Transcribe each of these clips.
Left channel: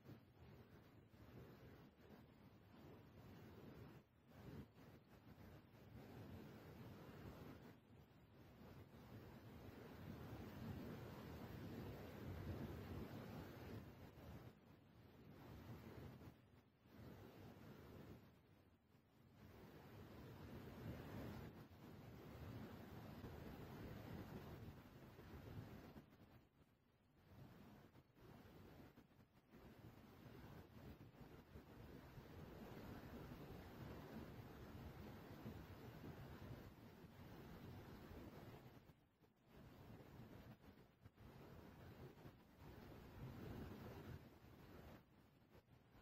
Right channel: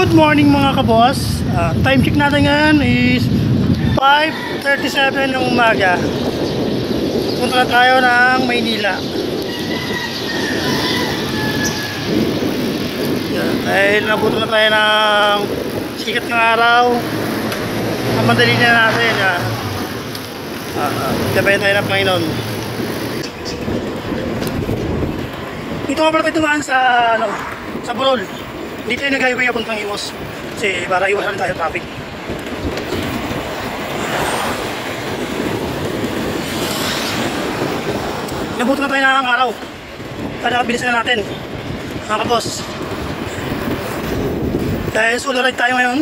Good morning mga kaboss. Time check natin ngayon is 5:37 ng umaga. Punta na tayo ng Maynila. Dahil nabuto na tayo ng sikat ng araw. Ang madali na natin. Gabayan tayo ng Panginoon. Dito nga pala tayo tumaan sa Burol. Hindi tayo nag-highway papuntang Imus kasi para iwasan tayo traffic. Nabuto na tayo ng araw. Kaya bilisan na natin mga kaboss. Dahil solo ride tayo ngayon,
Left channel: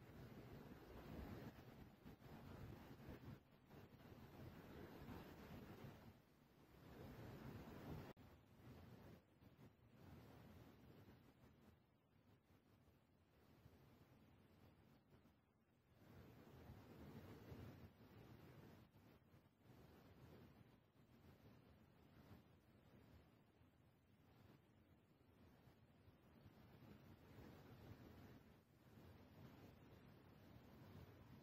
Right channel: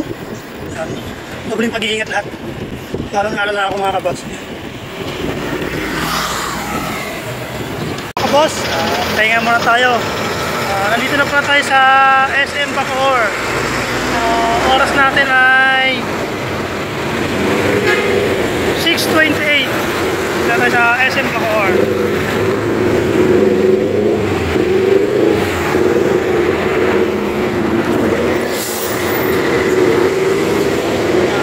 dobling pag-iingat lahat. Lalo na ako mga kaboss. Kaboss, pahinga muna tayo. Nandito na pala tayo sa SM Bacoor. Oras natin ay 6:28. Dito tayo sa SM Bacoor.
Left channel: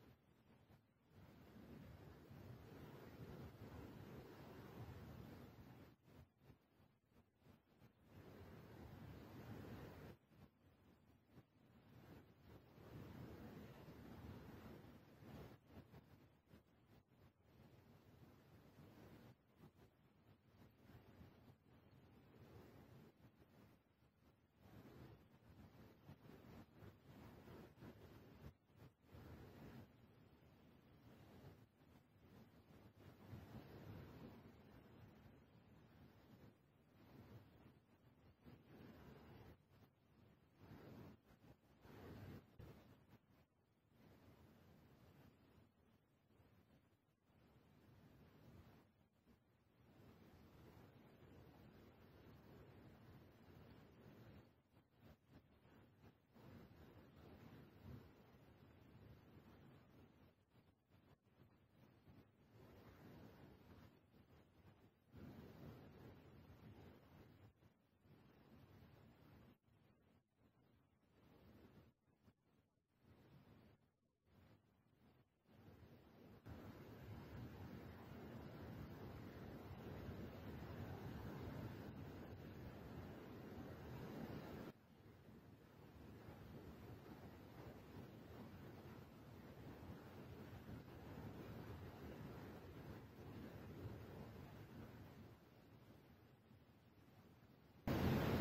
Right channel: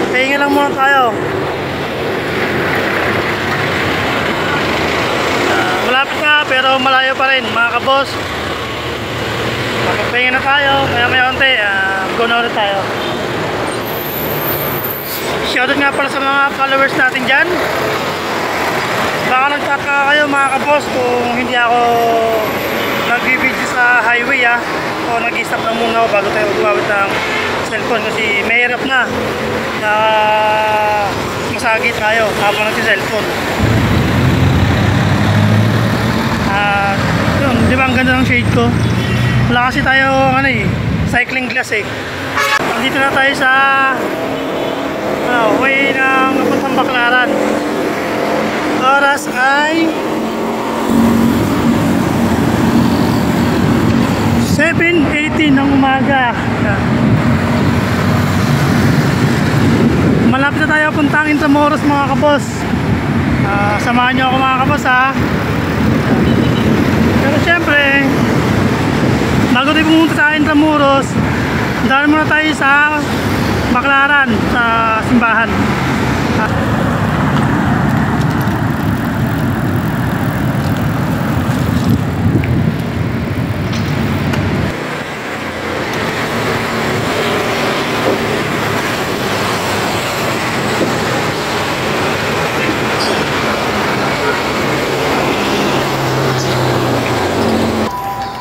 Pahinga lang muna tayo. Malapit na pero malayo pa rin mga kaboss. Magpahinga na tayo, maya unti, go na ulit tayo. Shoutout nga pala sa mga followers natin dyan. Baka nagtaka kayo mga kabos kung hindi ako nag-video sa highway o nag-stop na muna ako bago tayo gumamit ng cellphone kasi mahirap na masagi tayo habang nag-cellphone. Yun, di ba ang ganda ng shade ko? Wala kasi tayo cycling glass Nandito na tayo sa way ng papuntang Baclaran. Oras ay 7:18 ng umaga. Malapit na tayo puntang Intramuros mga kabos. Samahan nyo ako mga kabos Pero syempre bago tayo pumunta sa Intramuros, dahil muna tayo sa Baclaran, sa simbahan.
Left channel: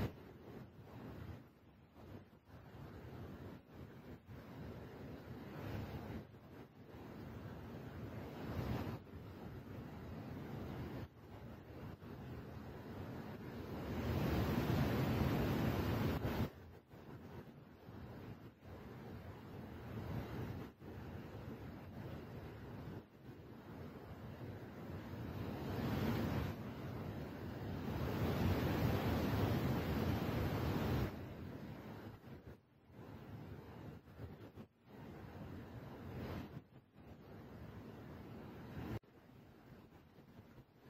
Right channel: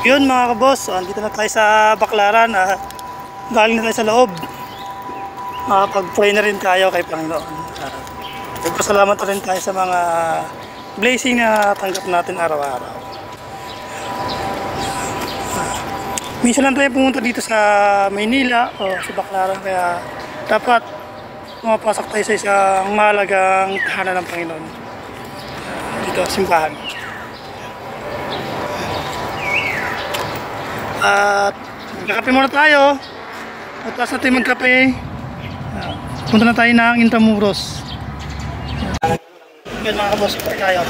Yun mga kaboss, andito na tayo sa Baclaran. Galing na tayo sa loob. Pag-pray na rin tayo kay Panginoon. Nagpasalamat na rin tayo sa mga blessing na tanggap natin araw-araw. Minsan lang tayo pumunta dito sa Maynila o sa Baclaran, kaya dapat pumapasok tayo sa isang mahalagang tahanan ng Panginoon. Dito, simbahan. At magkakape muna tayo. At tapos natin magkape, punta na tayo ng Intramuros. Yan mga kabos, pati tayo.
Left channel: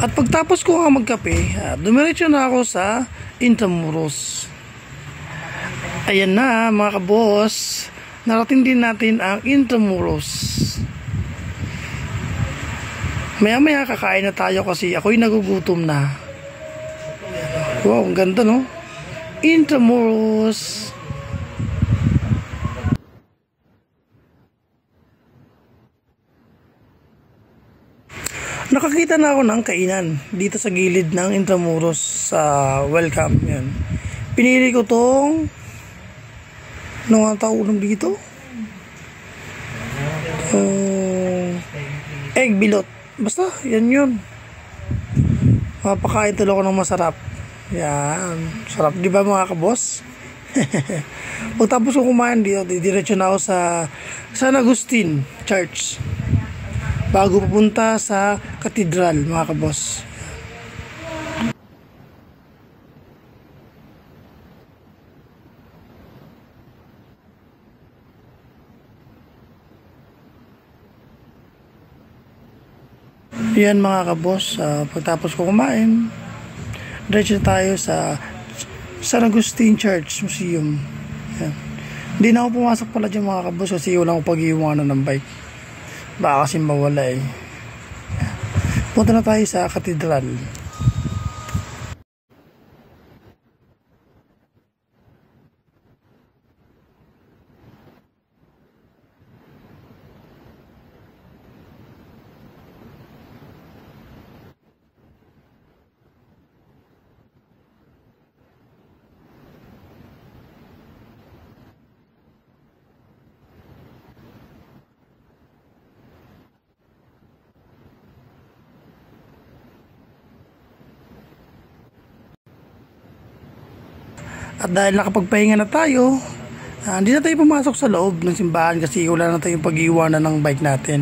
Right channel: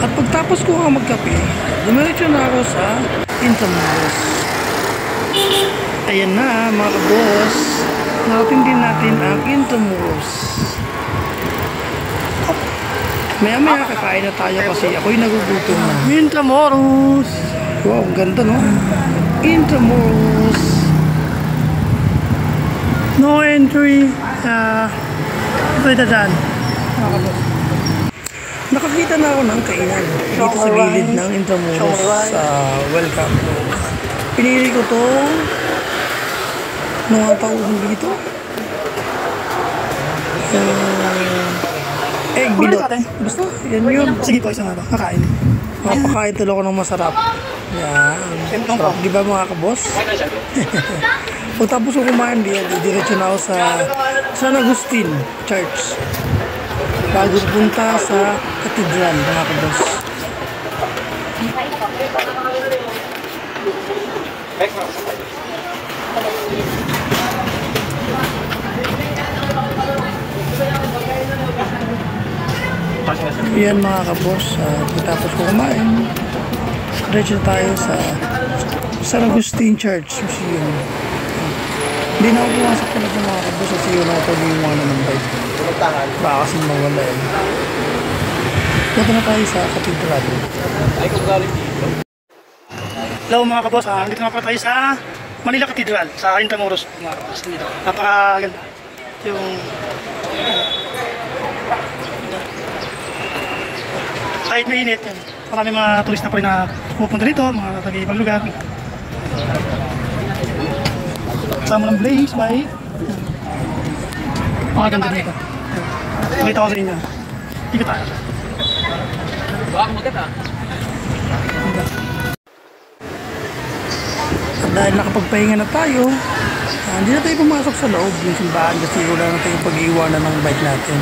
At pagtapos ko magkape, dumiretso na ako sa Intramuros. Ayan na mga kaboss, narating din natin ang Intramuros. Maya kakain na tayo kasi ako'y nagugutom na. Intramuros! Wow, ang ganda no? Intramuros! No entry. Ito yung dadaan mga kaboss. Nakakita na ako ng kainan dito sa gilid ng Intramuros sa welcome. Pinili ko tong ano nga tawag dito? Egg bilot. Basta, yan yun. Sige po, isang kakain. Mapakain tuloy ko ng masarap. Yan. Sarap di ba mga kaboss? Pagtapos ko kumain diretso na ako sa San Agustin Church. Bago pupunta sa Cathedral mga kaboss. Yan mga kaboss, pagtapos ko kumain, diretso tayo sa San Agustin Church Museum. Hindi na ako pumasok pala dyan mga kaboss kasi wala ako pag-iwanan ng bike. Baka kasi mawala eh. Punta na tayo sa Cathedral. Hello mga kaboss, dito na pala tayo sa Manila Cathedral, sa Intramuros mga kaboss. Napakaganda. Yung kahit mainit yan. Marami mga turista pa rin na pupunta dito, mga taga-ibang lugar. Kasama ng Blaze, may mga ganda dito. Makita ko sa inyo. Ikot tayo. At dahil nakapagpahinga na tayo, hindi na tayo pumasok sa loob ng simbahan kasi wala na tayong pag-iwanan ng bike natin.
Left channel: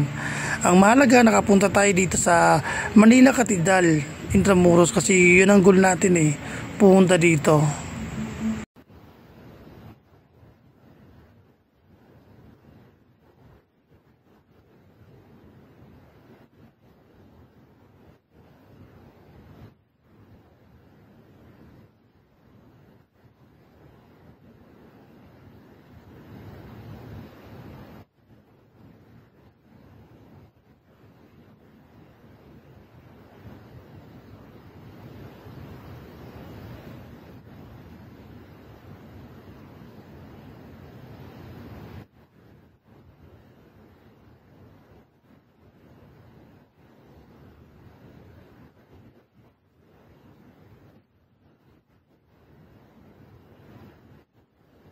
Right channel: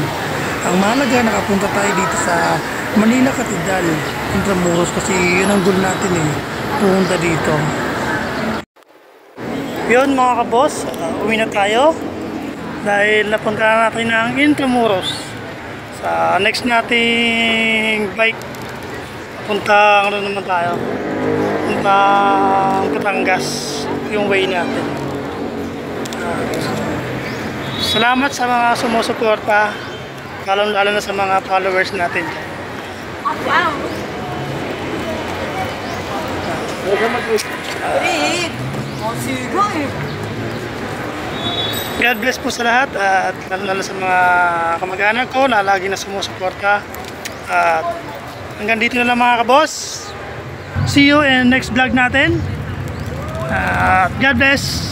Ang mahalaga, nakapunta tayo dito sa Manila Cathedral, Intramuros kasi yun ang goal natin eh, pumunta dito. Yun mga kaboss, uwi na tayo dahil napunta natin ang Intramuros. Sa next nating bike, puntang ano naman tayo, puntang Batangas, yung way natin. Salamat sa mga sumusuporta, lalo na sa mga followers natin. Wow! God bless po sa lahat at lalo sa mga kamag-anak ko na lagi na sumusuporta. At hanggang dito na lang mga kaboss. See you in next vlog natin. God bless!